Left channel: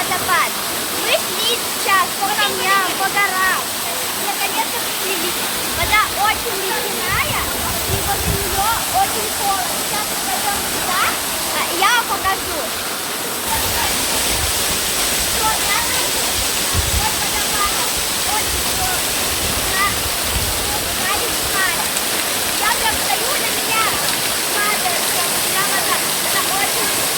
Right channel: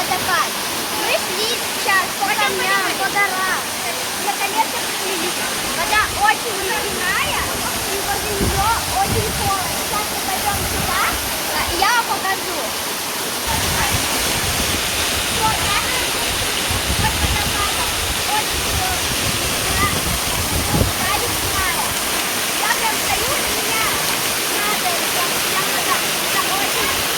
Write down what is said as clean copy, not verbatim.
водопад. Мы шли сейчас по камням, по горам. Наконец-то пришли. Вода очень ледяная, и возле нее очень холодно. Сейчас мы пойдем туда, и я вам покажу. Вот водопад. Вода ледяная. Я прям стою, на меня падает прям вода. Это очень